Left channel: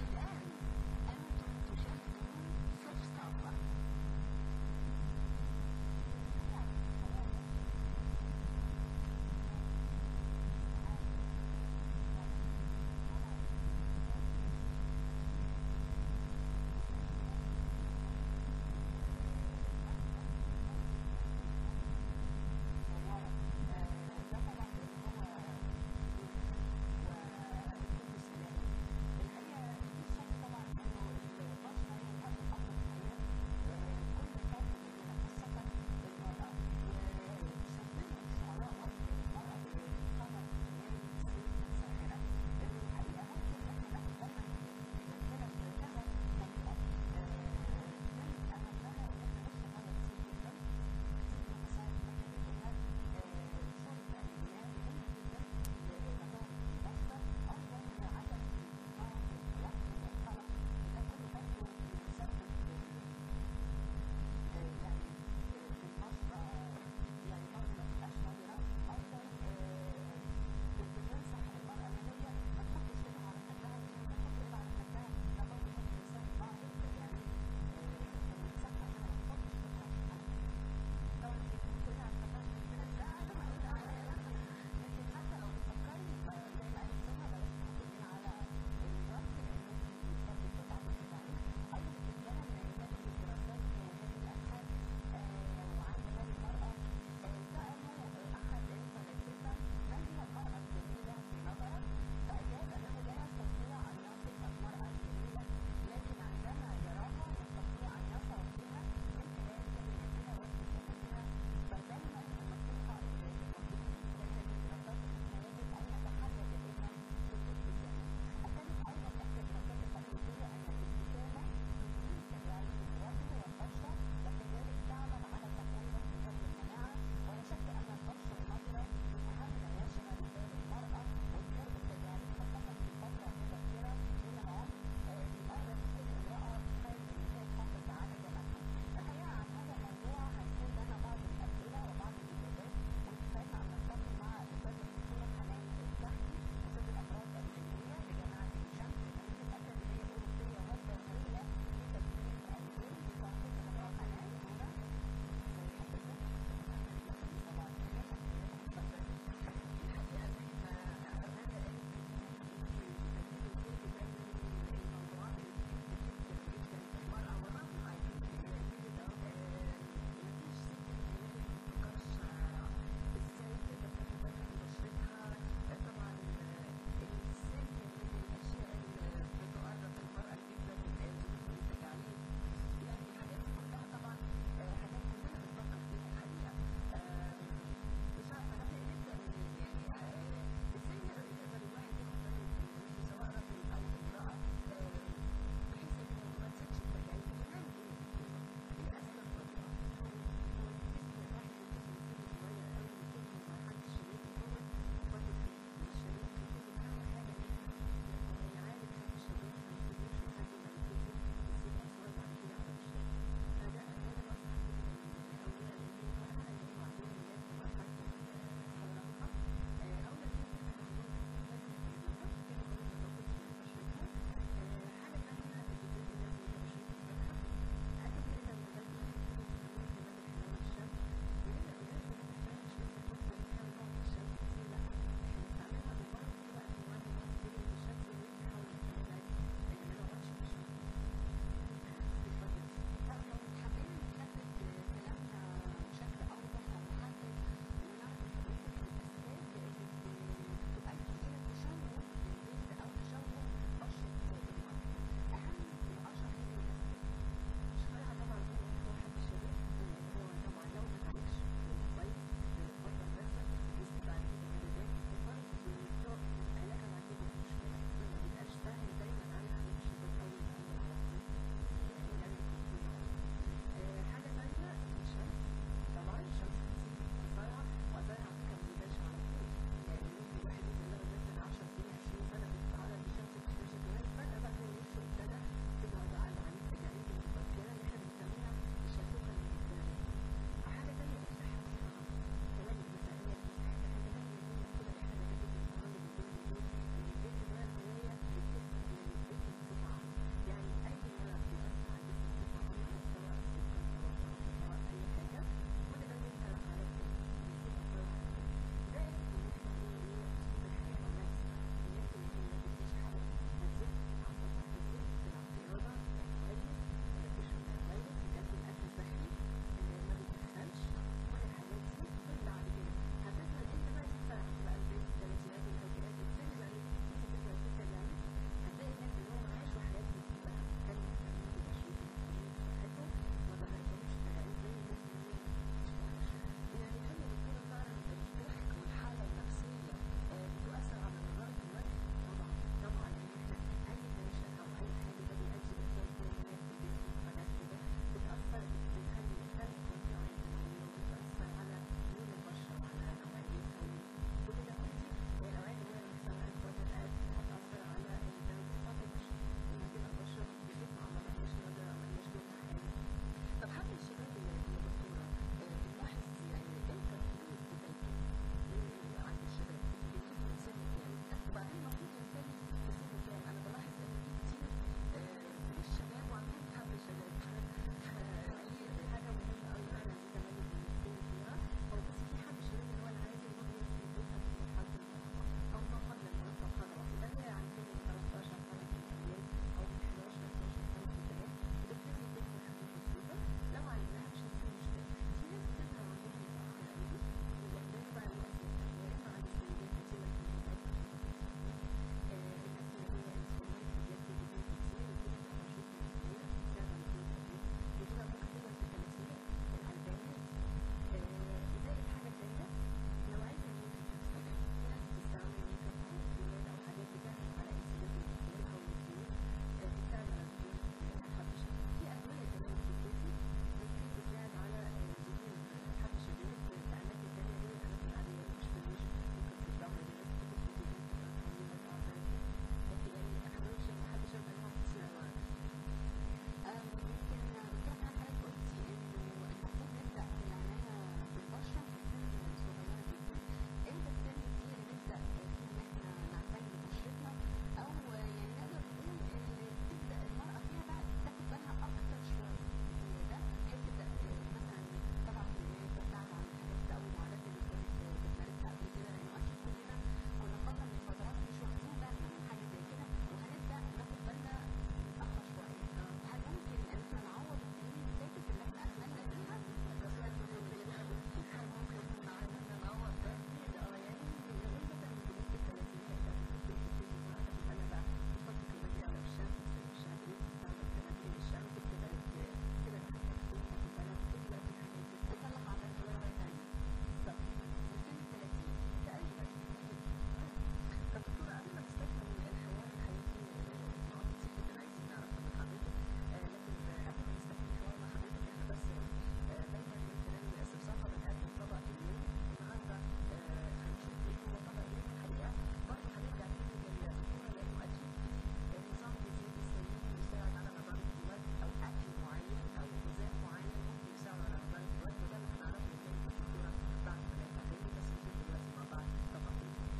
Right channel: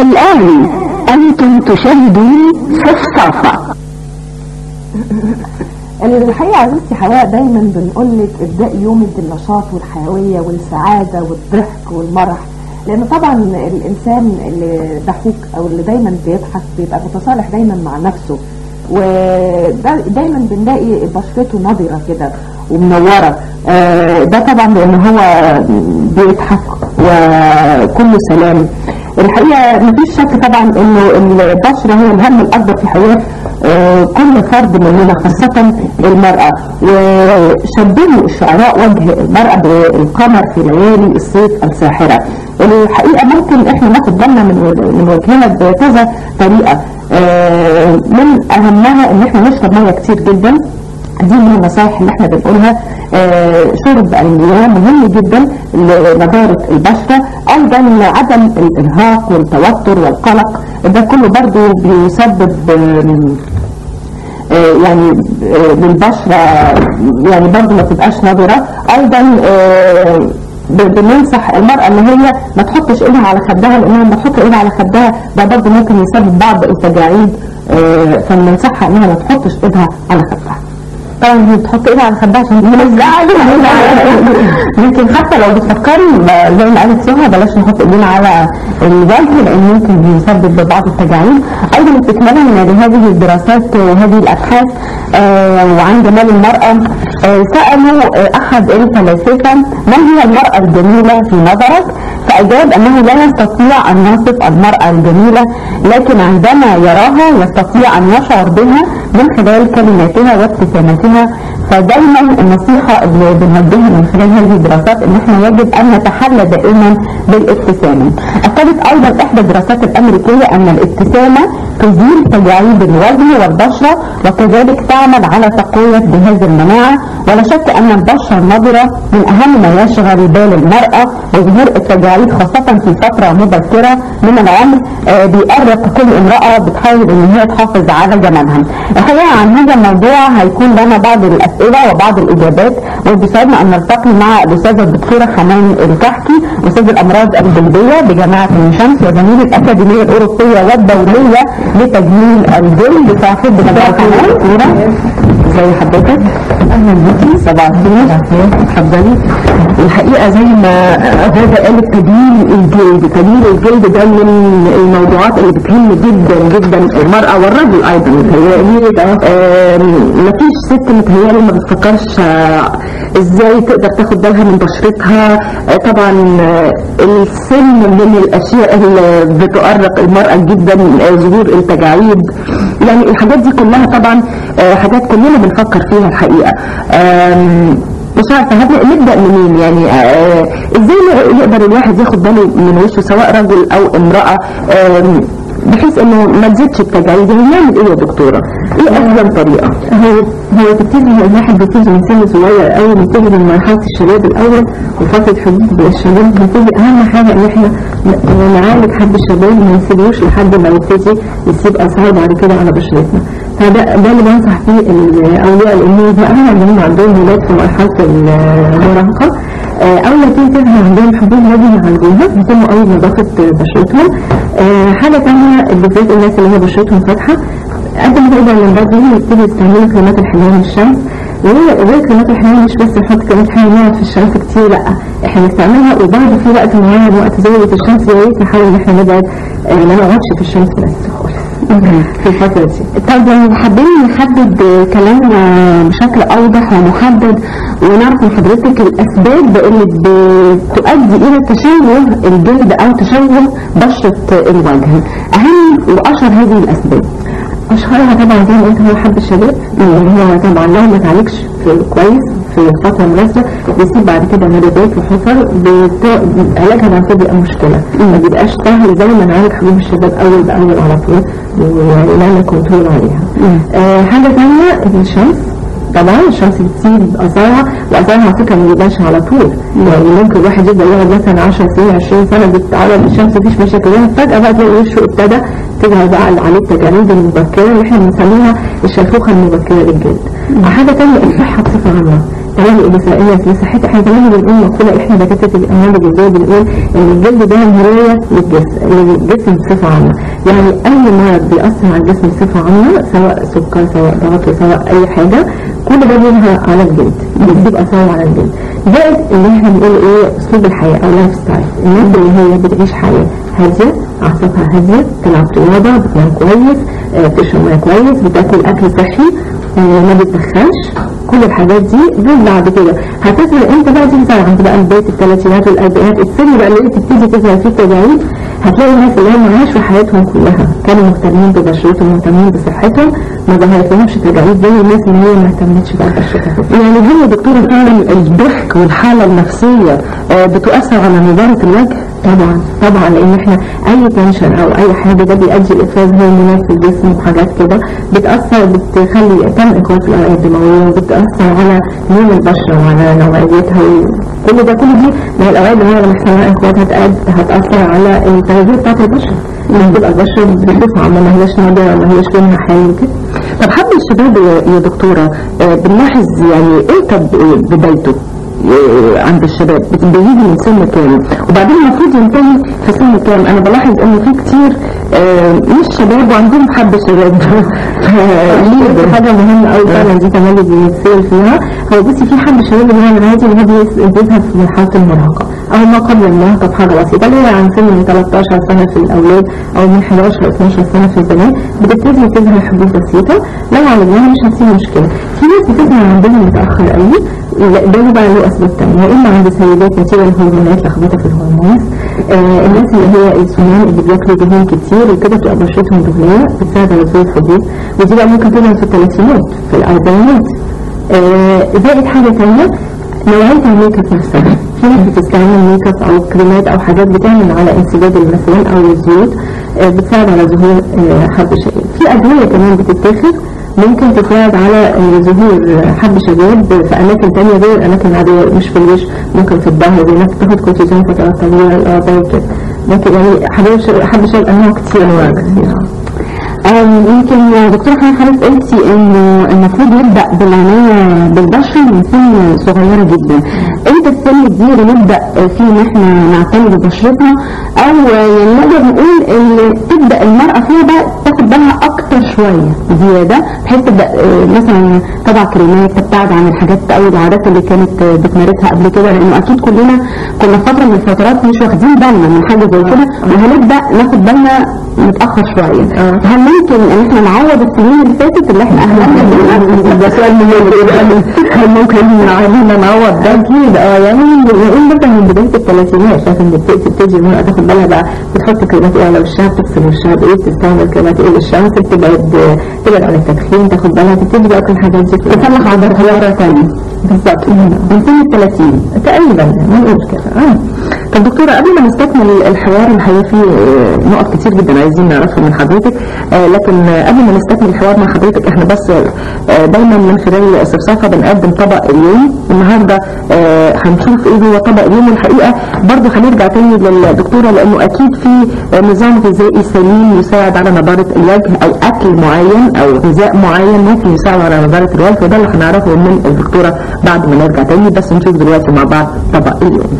الآن أنتم تشاهدون صفصافة. الحقيقة عزيزتي حواء دايما بنقولك ابدأ يومك بالنشاط والحيوية والسعادة والضحك والمرح، لأن طبعا الإنسان اللي ضحوك أو اللي دايما بيضحك بيبقى متصالح دايما مع نفسه، ودايما بنلاقي بشرته نضرة كده ومنورة. ده طبعا لأن هو بيضحك وكله سلام. الحقيقة مفيش شك طبعا انه البشرة هي الهم الاكبر في حياة كل فرد مننا، خاصة المرأة. وشبهوا الشعراء وجه المرأة بالقمر في ليالي الصيف الساحرة. الحقيقة ممكن احنا ناخد بالنا من وجهنا بكذا طريقة، من اهمها ان احنا نشرب مية كتير جدا. دي من النصائح اللي احنا بنقولها. شرب المياه مهم جدا لنضارة البشرة. ايضا عدم الارهاق والتوتر والقلق، ده كله برضو بيسبب يعني للبشرة يعني برضو ما تبقاش نضرة. ايضا بننصح المرأة ان هي ما تحطش ايدها على خدها، لانها لما تحط ايدها على خدها ده برضو ممكن يسبب بعض التجاعيد، فبننصحها انها ما تحطش ايدها على خدها. طبعا هي بتحط ايدها على خدها عشان ممكن حتى لو بتفكري زي ما قالت سهى بلاش نحط ايدينا على الوجه، لان ممكن يسبب بعض التجاعيد. ايضا استكمالا لهذه الدراسات وهذه الابحاث وعن جمال المرأة، سألوا احد الفلاسفة ما هي المرأة الجميلة في نظرك؟ فأجاب أنه لا يستطيع أن يصف المرأة الجميلة، لكن عندما يراها يستطيع أن يشعر بها من خلال كلماتها وابتساماتها. فدايما النصيحة اللي بنوجهها من خلال هذه الدراسات ان احنا يجب ان نتحلى دائما بالابتسامة. اكدت ايضا احدى الدراسات الامريكية ان الابتسامة تزيل تجاعيد الوجه والبشرة، وكذلك تعمل على تقوية جهاز المناعة. ولا شك ان البشرة النضرة من اهم ما يشغل بال المرأة، وظهور التجاعيد خاصة في فترة مبكرة من العمر بيؤرق كل امرأة بتحاول ان هي تحافظ على جمالها. الحقيقة عن هذا الموضوع هيكون لنا بعض الأسئلة وبعض الإجابات، وبيسعدنا أن نلتقي مع الأستاذة الدكتورة حنان الكحكي، أستاذ الأمراض الجلدية بجامعة عين شمس وزميل الأكاديمية الأوروبية والدولية لتجميل الجلد. صاحب حنان، ازي حضرتك؟ اهلا بيكي. صباح الخير. اتفضلي. الحقيقه زي ما غاده قالت تجميل الجلد ده من الموضوعات اللي بتهم جدا جدا المراه والرجل ايضا. متهيألي مفيش ست متهيألي ما بتفكرش ازاي تقدر تاخد بالها من بشرتها. طبعا السن من الاشياء اللي بتؤرق المراه جدا، ظهور التجاعيد، يعني الحاجات دي كلها طبعا حاجات كلنا بنفكر فيها الحقيقه. مش عارفه نبدا منين؟ يعني ازاي يقدر الواحد ياخد باله من وشه سواء رجل او امراه بحيث انه ما تزيدش التجاعيد؟ نعمل ايه يا دكتوره؟ ايه افضل طريقه؟ هو تبتدي الواحد بيبتدي من سن صغير قوي، بيبتدي من مرحله الشباب الاول وفتره حدود الشباب. بيبتدي اهم حاجه ان احنا نعالج حد الشباب، ما نسيبوش لحد ما يبتدي يسيب اثار بعد كده على بشرتنا. فده اللي بنصح فيه اولياء الامور بقى اللي هم عندهم ولاد في مرحله المراهقه. اول ما تيجي تظهر عندهم حبوب لازم يعالجوها، يهتموا قوي بنظافه بشرتهم. حاجه ثانيه بالذات الناس اللي هي بشرتهم فاتحه، قد ما تقدر من بدري يبتدوا يستعملوا كريمات الحمايه من الشمس. وغير كريمات الحمايه مش بس نحط كريمات حمايه نقعد في الشمس كتير، لا احنا نستعملها وبرضه في وقت معين وقت زاويه الشمس يا ريت نحاول ان احنا نبعد ما نقعدش في الشمس بس خالص في الفترة دي. طب لو حابين نحدد كلامنا بشكل أوضح ومحدد ونعرف من حضرتك الأسباب اللي بتؤدي إلى تشوه الجلد أو تشوه بشرة الوجه، أهم وأشهر هذه الأسباب. اشهرها طبعا زي ما قلت هو حب الشباب، اللي هو طبعا لو ما اتعالجش كويس في فتره مناسبه بيسيب بعد كده مريضات وحفر، علاجها بعد كده بيبقى مشكله، ما بيبقاش سهل زي ما نعالج حبوب الشباب اول باول على طول ونعمل كنترول عليها. حاجه ثانيه الشمس، طبعا الشمس بتسيب اثارها، واثارها على فكره ما بيبانش على طول، يعني ممكن الواحد يبدا يقعد مثلا 10 سنين 20 سنه بيتعرض للشمس مفيش مشاكل، فجاه بقى تلاقي وشه ابتدى تظهر بقى عليه التجاعيد المبكره اللي احنا بنسميها الشيخوخه المبكره للجلد. حاجه ثانيه الصحه بصفه عامه، تمام النسائيه لصحتها. احنا كمان بنقول مقوله احنا دكاتره الامراض الجلديه بنقول ان الجلد ده مرايه للجسم بصفه عامه، يعني اي مرض بيأثر على الجسم بصفه عامه سواء سكر سواء ضغط سواء اي حاجه كل ده بيظهر على الجلد، بيسيب اثاره على الجلد. زائد اللي احنا بنقول ايه اسلوب الحياه او لايف ستايل، الناس اللي هي بتعيش حياه هاديه اعصابها هاديه، تلعب رياضه، بتنام كويس، بتشرب ميه كويس، بتاكل اكل صحي، ما بتدخنش، كل الحاجات دي دول بعد كده هتظهر امتى بقى؟ دي بتظهر عند بقى بدايه الثلاثينات والاربعينات، السن بقى اللي تبتدي تظهر فيه التجاعيد. هتلاقي الناس اللي هم عاشوا حياتهم كلها كانوا مهتمين ببشرتهم ومهتمين بصحتهم ما ظهرتلهمش تجاعيد زي الناس اللي هي ما اهتمتش بقى ببشرتها. يعني هي دكتوره فعلا الضحك والحاله النفسيه بتؤثر على نضاره الوجه؟ طبعا لان احنا اي تنشن او اي حاجه ده بيؤدي لافراز هرمونات في الجسم وحاجات كده بتاثر، بتخلي تم اقوات الاوعيه الدمويه، وبتاثر على لون البشره وعلى نوعيتها، وكل ده كل دي من الاوعيه الدمويه لما يحصل لها اقوات هتاثر على التغذيه بتاعت البشره، لما تبقى البشره بصفه عامه ما هياش ناضيه ما هياش لونها حلو كده. طب حد الشباب يا دكتوره بنلاحظ يعني امتى بدايته عند الشباب بيجي من سن كام وبعدين المفروض ينتهي في سن كام؟ انا بلاحظ ان في كتير مش شباب وعندهم حب شباب ليه حاجه مهمه قوي فعلا دي كمان اللي بيتسال فيها. هو بصي في حب شباب اللي هو العادي اللي هو بيظهر في مرحله المراهقه او ما قبل المراهقه بحاجه بسيطه اللي هي عن سن من 13 سنه في الاولاد او من 11 12 سنه في البنات بتبتدي تظهر حبوب بسيطه، لو عالجناها مش هتصير مشكله. في ناس بتظهر عندهم متاخر قوي، ده بقى له اسباب ثانيه، يا اما عند سيدات نتيجه الهرمونات لخبطه في الهرمونات، الناس اللي هي السنان اللي بياكلوا دهون كتير وكده بتبقى بشرتهم دهنيه بتساعد على ظهور الحبوب، ودي بقى ممكن تظهر في الثلاثينات في الاربعينات. زائد حاجه ثانيه نوعيه الميك اب نفسها، في ناس بتستعمل ميك اب او كريمات او حاجات بتعمل على انسداد المسام او الزيوت بتساعد على ظهور حب شباب. في ادويه كمان بتتاخد ممكن تساعد على ظهور حب شباب في اماكن تانية غير الاماكن العاديه، مش في الوش، ممكن في الظهر، زي ناس بتاخد كورتيزون فترات طويله الاعضاء كده، ممكن يعني حب شباب انواع كتير. يمكن يا دكتورة حضرتك قلتي انه المفروض نبدا بالعنايه بالبشره من سن صغيره جدا، امتى السن الكبير نبدا فيه ان احنا نعتني ببشرتنا، او يعني نقدر نقول ان تبدا المراه فيها بقى تاخد بالها اكتر شويه زياده بحيث تبدا مثلا تضع كريمات تبتعد عن الحاجات او العادات اللي كانت بتمارسها قبل كده، لانه اكيد كلنا كنا فتره من الفترات مش واخدين بالنا من حاجه زي كده وهنبدا ناخد بالنا متاخر شويه. هل ممكن ان احنا نعوض السنين اللي فاتت اللي احنا اهلنا ده سؤال مهم جدا، هل ممكن علينا نعوض ده؟ اكيد يعني نقول مثلا من بدايه الثلاثينات لازم تبتدي المراه تاخد بالها بقى، بتحط كريمات ايه على وشها، بتغسل وشها بايه، بتستعمل كريمات ايه للشمس، تبعد عن التدخين، تاخد بالها، تبتدي بقى كل الحاجات دي تصلح عضلاتها مره ثانيه. بالظبط من سن 30 تقريبا ما نقولش كده. طب دكتوره قبل ما نستكمل الحوار الحقيقه في نقط كتير جدا عايزين نعرفها من حضرتك، لكن قبل ما نستكمل الحوار مع حضرتك احنا بس دايما من خلال صفصافه بنقدم طبق اليوم. النهارده هنشوف ايه هو طبق اليوم، والحقيقه برضه هنرجع تاني للدكتوره لانه اكيد في نظام غذائي سليم يساعد على نضاره الوجه او اكل معين او غذاء معين ممكن يساعد على نضاره الوجه، وده اللي هنعرفه من الدكتوره بعد ما نرجع تاني. بس نشوف دلوقتي مع بعض طبق اليوم.